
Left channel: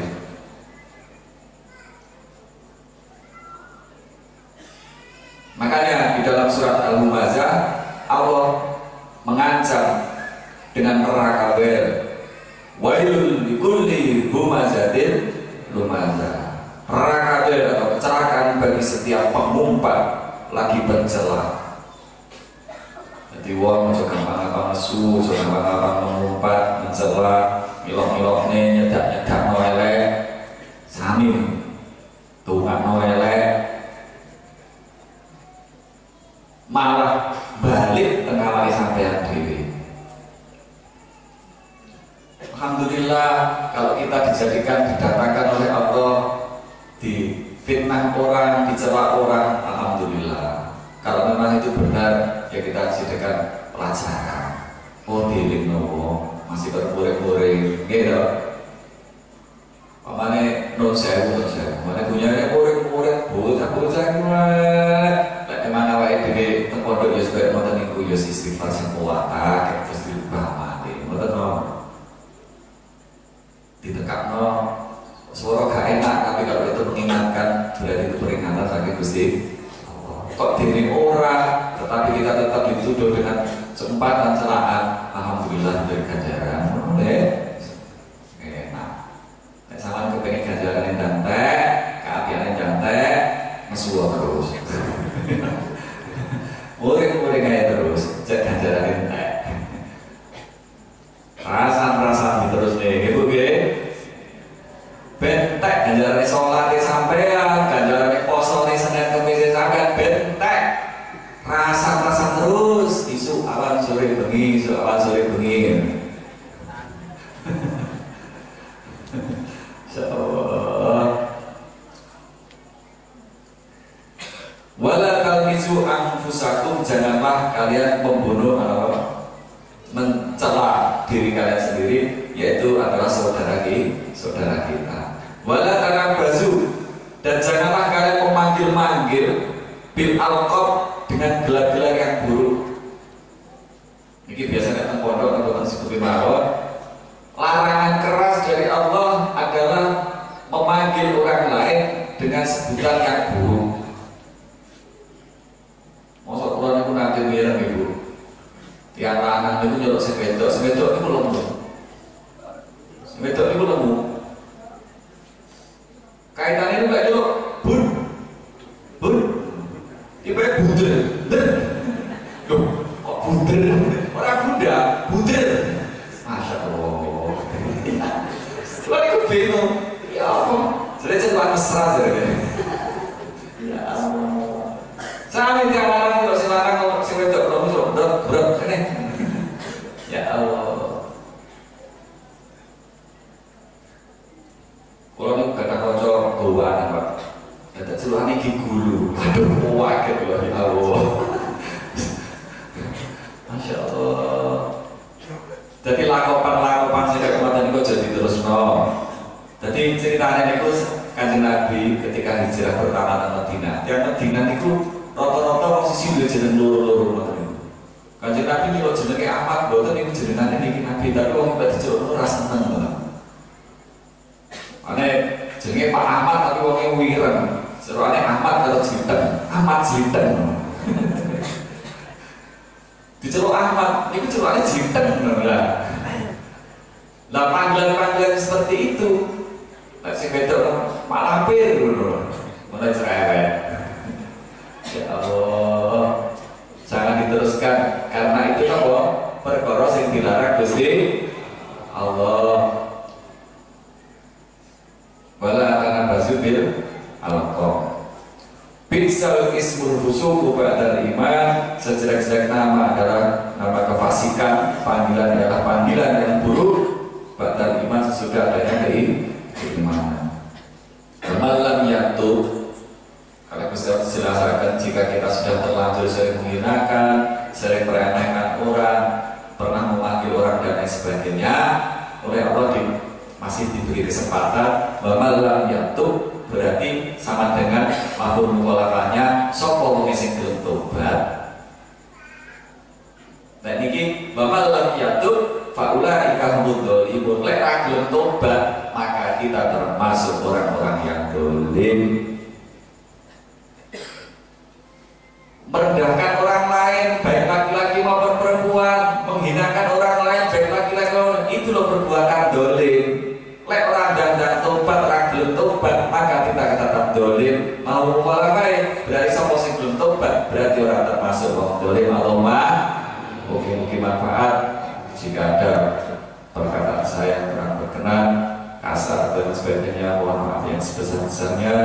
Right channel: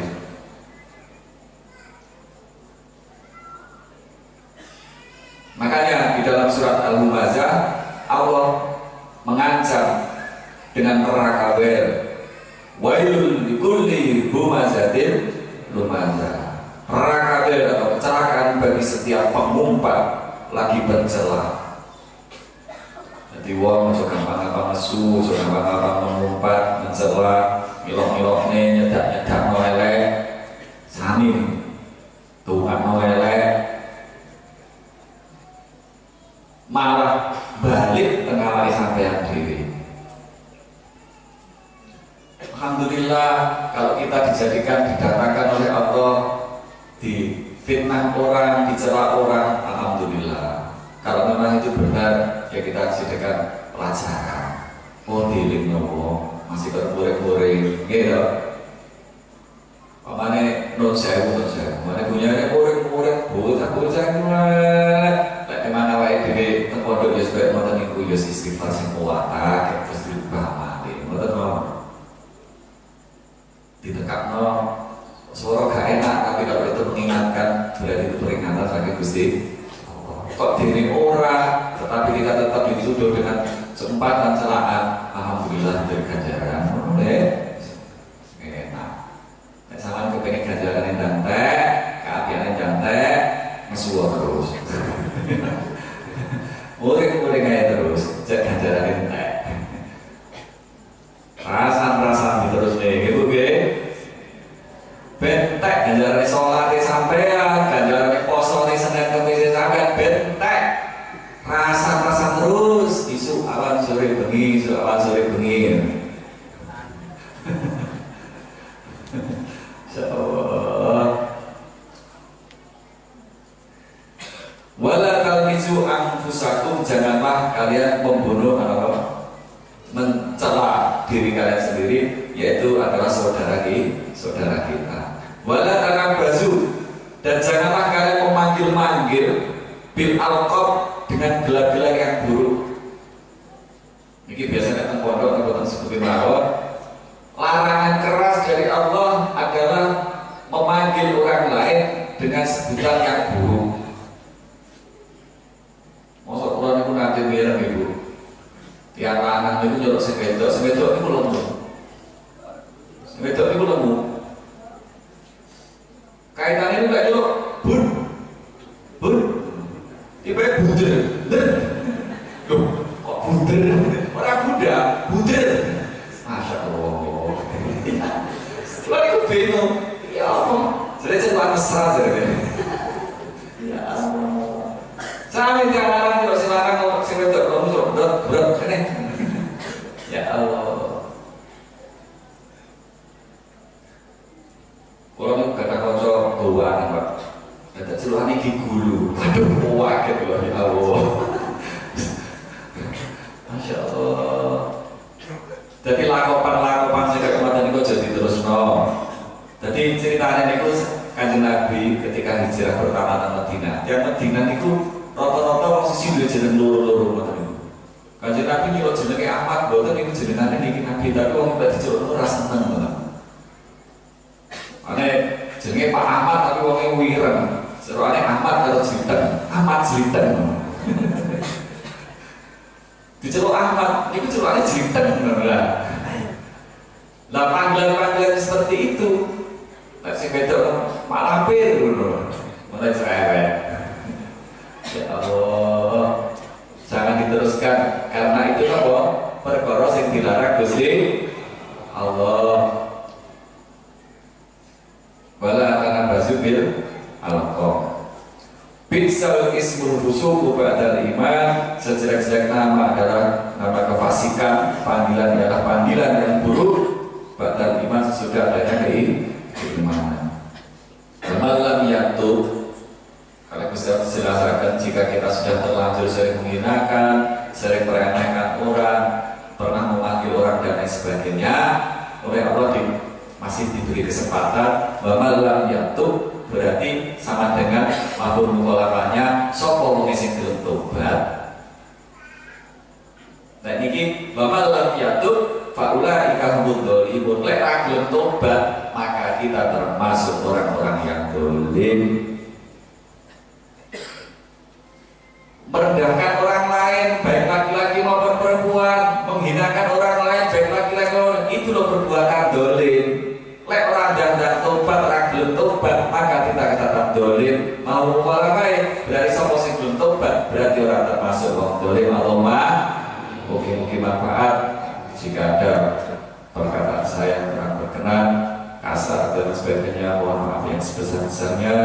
Makanya di dalam surat Al-Humazah Allah mengancam dengan neraka wel. Wailul likulli humazatin lumazah. Neraka wel atau kecelakaan bagi setiap pengumpat lagi bercela. Jadi wong aja gampang-gampang nesu, aja gampang-gampang mengumpat, mencela, milok-milokne, nyedak-nyedakno elek. Sami tungakno elek. Malah balik tengah lari sampean dewi. Alhamdulillah kalau kita dijadikan didatangkan oleh Allah, difitnah orang, dicela orang, alhamdulillah. Kalau memang itu benar, ya kita jadikan pelajaran. Oh diling nopo masih berpure-pure, gitu. Pamane non sewu, mana punya pure-pure, bocah-bocah gimana? Emang awake dhewe teng pondok ya sebab ngoten niku ya istighfar sing kuat akeh terus dirubah mati. Ngoten mawon. Ditekakno suara gak enak tapi kalau itu mengingatkan berarti itu peringatan saking Gusti Allah. Kok dene ora tetapi kita tetap dituduh dengan sempatan celaan, alhamdulillah dari ganjaran. Enak. Nek sampean kepengin ganjaran entek, keapian entek, mesuwo terus. Boleh kayak terus, cek ganjaran entek. Rasan terus nih, gitu ge. Bentek ganjaran sholat sampean, ganjaran poso nih Senin Kamis sampean bentek. Rasan terus, isu awan sore bengi, Insyaallah. Wala talmizu anfusakum, janganlah kalian membunuh atau mencela diri kalian sendiri, yaitu adalah saudara kita. Wala tanabazu, dan janganlah kalian memanggil-manggil bil alqab, dengan gelar-gelar yang buruk. Ini biasanya teng pondok atau teng seputi mawon. Larangan keras dari Allah adalah memanggil orang lain dengan sebutan yang buruk. Masa kulon itu nanti mireng ibu. Tiang lanang itu nyolok sepedok itu lemu. Sepedok itu lemu. Kaitan itu kayak nyolok bun. Tiba-tiba buder. Loh, kok buder? Orang Buddha, buder. Masya Allah. Kulon itu bingung. Ya Allah. Jadi cepat mesra jadi. Ya Allah. Sampai tiang lanang kalau si lanang kalau si wedok belum berat ini. Ya Allah. Kalau ini kata konco tuan Pak, kata celuhan ini gulu. Aduh, waket loh ya Allah. Masya Allah. Jadi lakopan-lakopan sing kematen niku aja diterusno. Jadi ceritanya niku Kanjeng Nabi ketika hijrah pertama nang Madinah. Yang Madinah niku rata-rata wong sisi duwe jeneng loro-loro ngoten niku. Kanjeng Nabi niku jenenge Ahmad, mboten niku jenengane niki Nabi, tapi wong nek dijeluk ora seneng ngoten. Ane jenenge Pak Ahmad tapi wonge wireng. Serane Ahmad karo Jinten, Ahmad Jinten. Diceluk Ahmad, niku celukane Jinten ngono lah. Lah panggilan-panggilan seperti itu nek sing wedok malampir ngono. Mulai cerewet. Ya Allah. Jangan diteruskan karena itu apa? Perkara sing dilarang Gusti Allah. Wala tanabazu bil alqab. Bisal ismul fusuq ba'dal iman. Sejelek-jelek nama adalah nama kefasikan, panggilan adalah panggilan yang buruk. Ba'dal iman sesudah adanya keimanan. Malam yatub, kalau bisa jelaskan jika kita sudah terlanjur sering menghinakan, sering meremehkan orang, pernah memanggil orang dan lain sebagainya, oleh Allah masih diberi kesempatan. Malam yatub berarti sama dengan mafhum mukhalafahnya sapa wong sing gelem tobat. Dan niki malam yatub faulaika humud dzalimun. Lek ra gelem tobat, maka kita termasuk orang-orang yang dolim. Merendahkan orang lain, baik laki-laki maupun perempuan, menghinakan orang lain, baik laki-laki maupun itu loh perbuatan dolim. Lek orang dan tobat, orang belum tobat, maka kita katakan dolim. Mau mulai berarti sapa sing belum tobat, berarti orang termasuk orang dolim. Allahumma mungkin manfaat. Jika ada perkataan saya yang kurang berkenan, kasar dan sebagainya, mohon maaf yang sebesar-besarnya.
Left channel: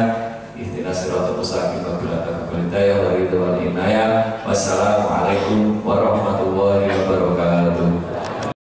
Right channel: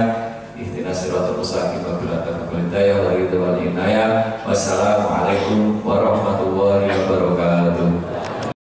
Ihdinas siratal mustaqim wa bil hidayah wal inayah. Wassalamualaikum warahmatullahi wabarakatuh.